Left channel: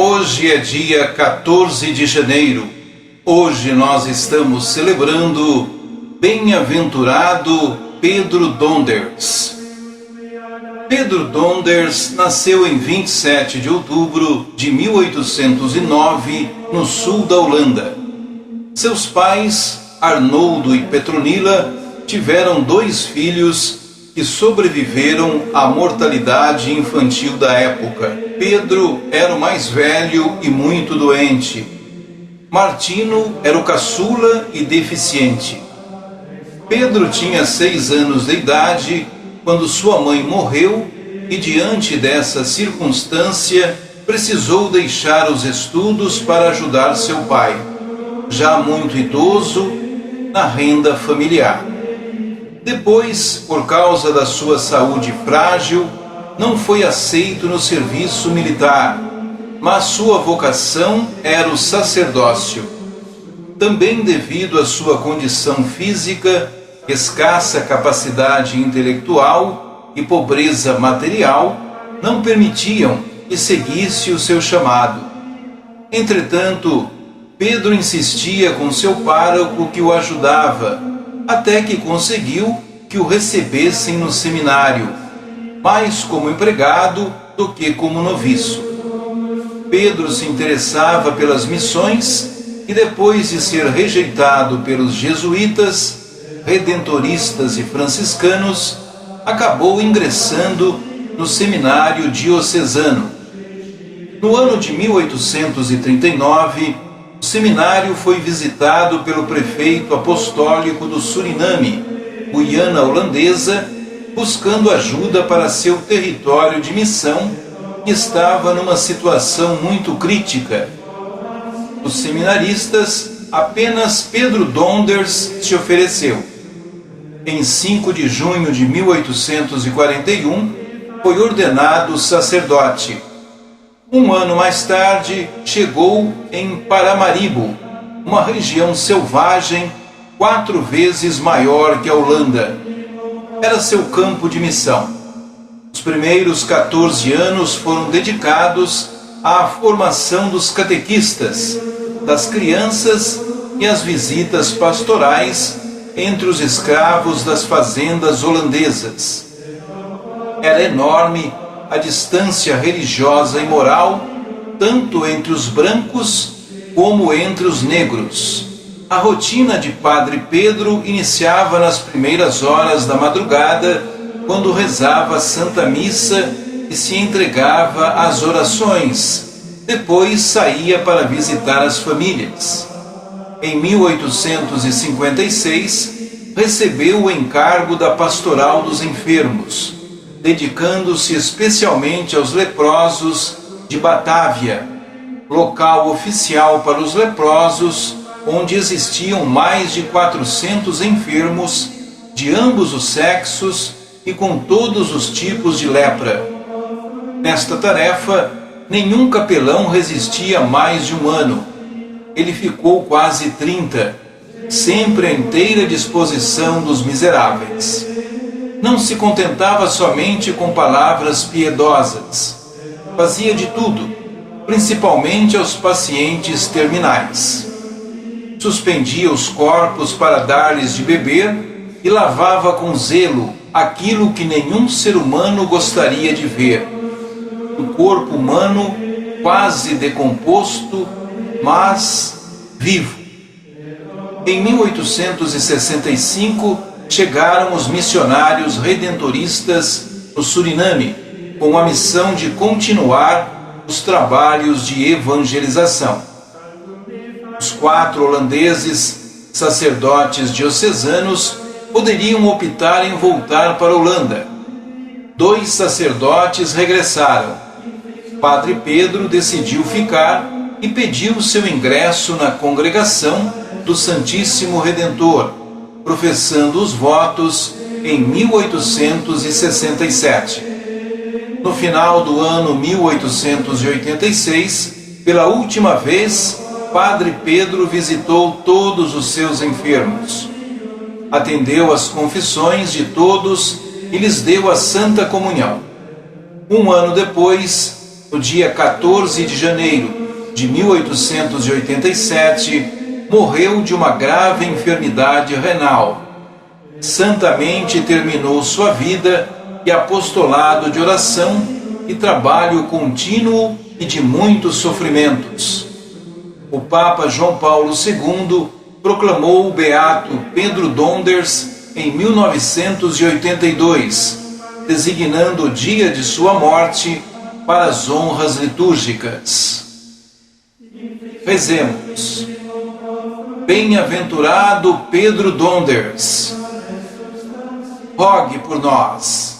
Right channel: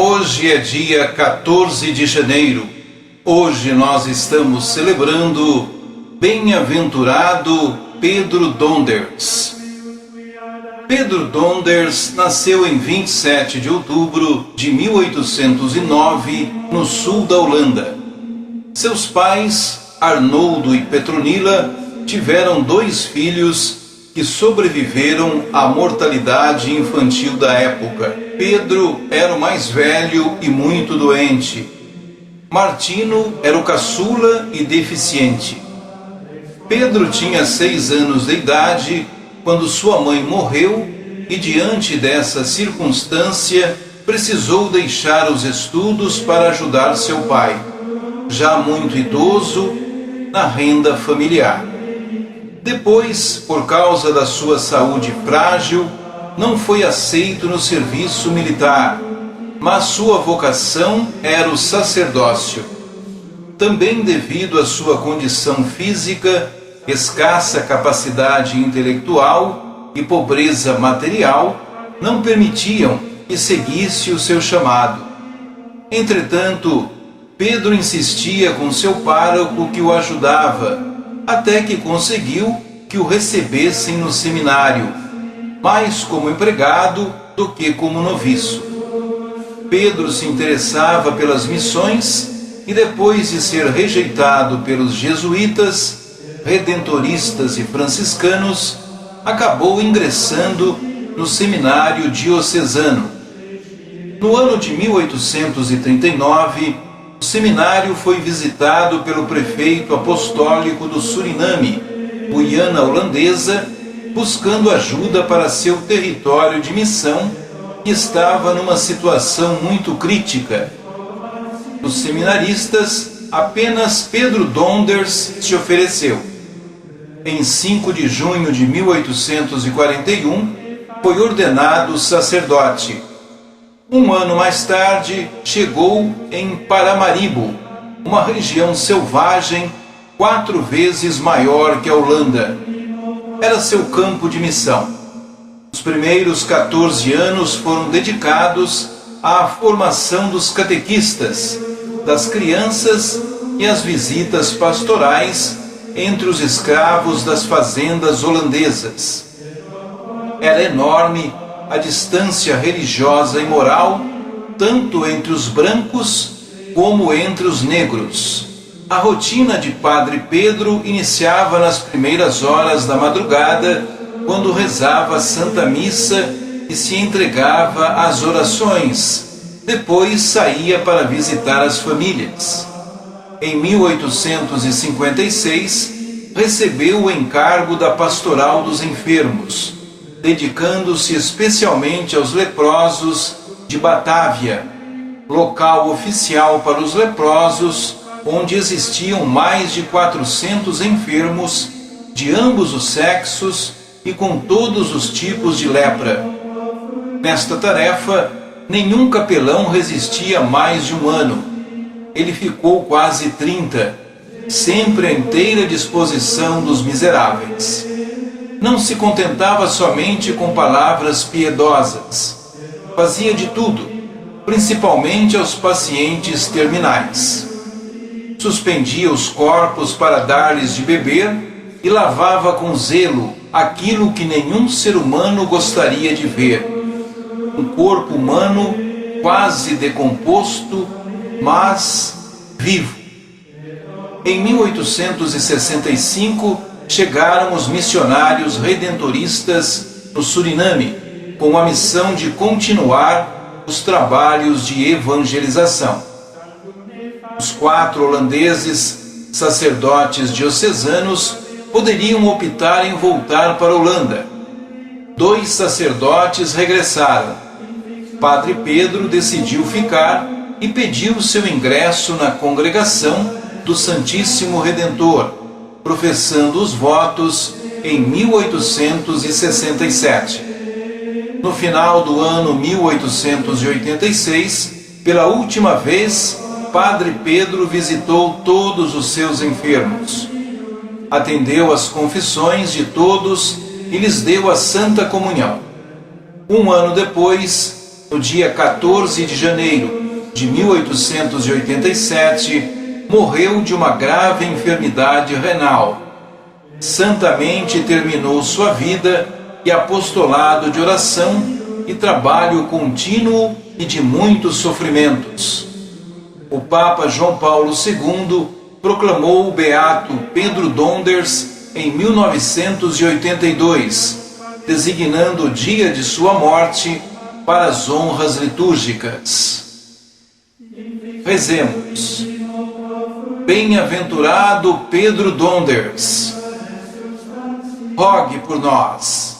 Hoje é dia 14 de janeiro. Hoje nós estamos celebrando bem-aventurado Pedro Donders. Pedro Donders nasceu em 27 de outubro de 1809, no sul da Holanda. Seus pais, Arnoldo e Petronila, tiveram 2 filhos que sobreviveram à mortalidade infantil da época. Pedro era o mais velho e muito doente. Martino era o caçula e deficiente. Pedro tinha 6 anos de idade quando sua mãe morreu e, diante dessa circunstância, precisou deixar os estudos para ajudar seu pai, já muito idoso, na renda familiar. Depois, por causa da sua saúde frágil, não foi aceito no serviço militar, mas sua vocação era o sacerdócio. Também devido à sua condição física, escassa capacidade intelectual e pobreza material, não permitiam que seguisse o seu chamado. Entretanto, Pedro insistia com seu pároco que o ajudava, até que conseguiu que o recebessem no seminário, mais como empregado do que como noviço. Pedro se interessava pelas missões e, depois de ser rejeitado pelos jesuítas, redentoristas e franciscanos, acabou ingressando no seminário diocesano. No ano de 1839, o seminário foi visitado pelo prefeito apostólico do Suriname, Guiana Holandesa, buscando ajuda para seu território de missão, que estava numa situação muito crítica. Os seminaristas, apenas Pedro Donders se ofereceu. Em 5 de junho de 1841, foi ordenado sacerdote. Um ano mais tarde, chegou em Paramaribo, uma região selvagem 4 vezes maior que a Holanda. Era seu campo de missão. Os primeiros 14 anos foram dedicados à formação dos catequistas, das crianças e às visitas pastorais entre os escravos das fazendas holandesas. Era enorme a distância religiosa e moral, tanto entre os brancos como entre os negros. A rotina de Padre Pedro iniciava nas primeiras horas da madrugada, quando rezava a Santa Missa e se entregava às orações. Depois saía para visitar as famílias. Em 1856, recebeu o encargo da Pastoral dos Enfermos, dedicando-se especialmente aos leprosos de Batávia, local oficial para os leprosos, onde existiam mais de 400 enfermos de ambos os sexos e com todos os tipos de lepra. Nesta tarefa, nenhum capelão resistia mais de 1 ano. Ele ficou quase 30, sempre à inteira disposição dos miseráveis. Não se contentava somente com palavras piedosas. Fazia de tudo, principalmente aos pacientes terminais. Suspendia os corpos para dar-lhes de beber e lavava com zelo aquilo que nenhum ser humano gostaria de ver: um corpo humano quase decomposto, mas vivo. Em 1865, chegaram os missionários redentoristas no Suriname, com a missão de continuar os trabalhos de evangelização. Os 4 holandeses, sacerdotes diocesanos, poderiam optar em voltar para a Holanda. 2 sacerdotes regressaram. Padre Pedro decidiu ficar e pediu seu ingresso na congregação do Santíssimo Redentor, professando os votos em 1867. No final do ano 1886, pela última vez, Padre Pedro visitou todos os seus enfermos. Atendeu às confissões de todos e lhes deu a Santa Comunhão. Um ano depois, no dia 14 de janeiro de 1887, morreu de uma grave enfermidade renal. Santamente terminou sua vida e apostolado de oração e trabalho contínuo e de muitos sofrimentos. O Papa João Paulo II proclamou o beato Pedro Donders em 1982, designando o dia de sua morte para as honras litúrgicas. Rezemos. Bem-aventurado Pedro Donders, rogue por nós.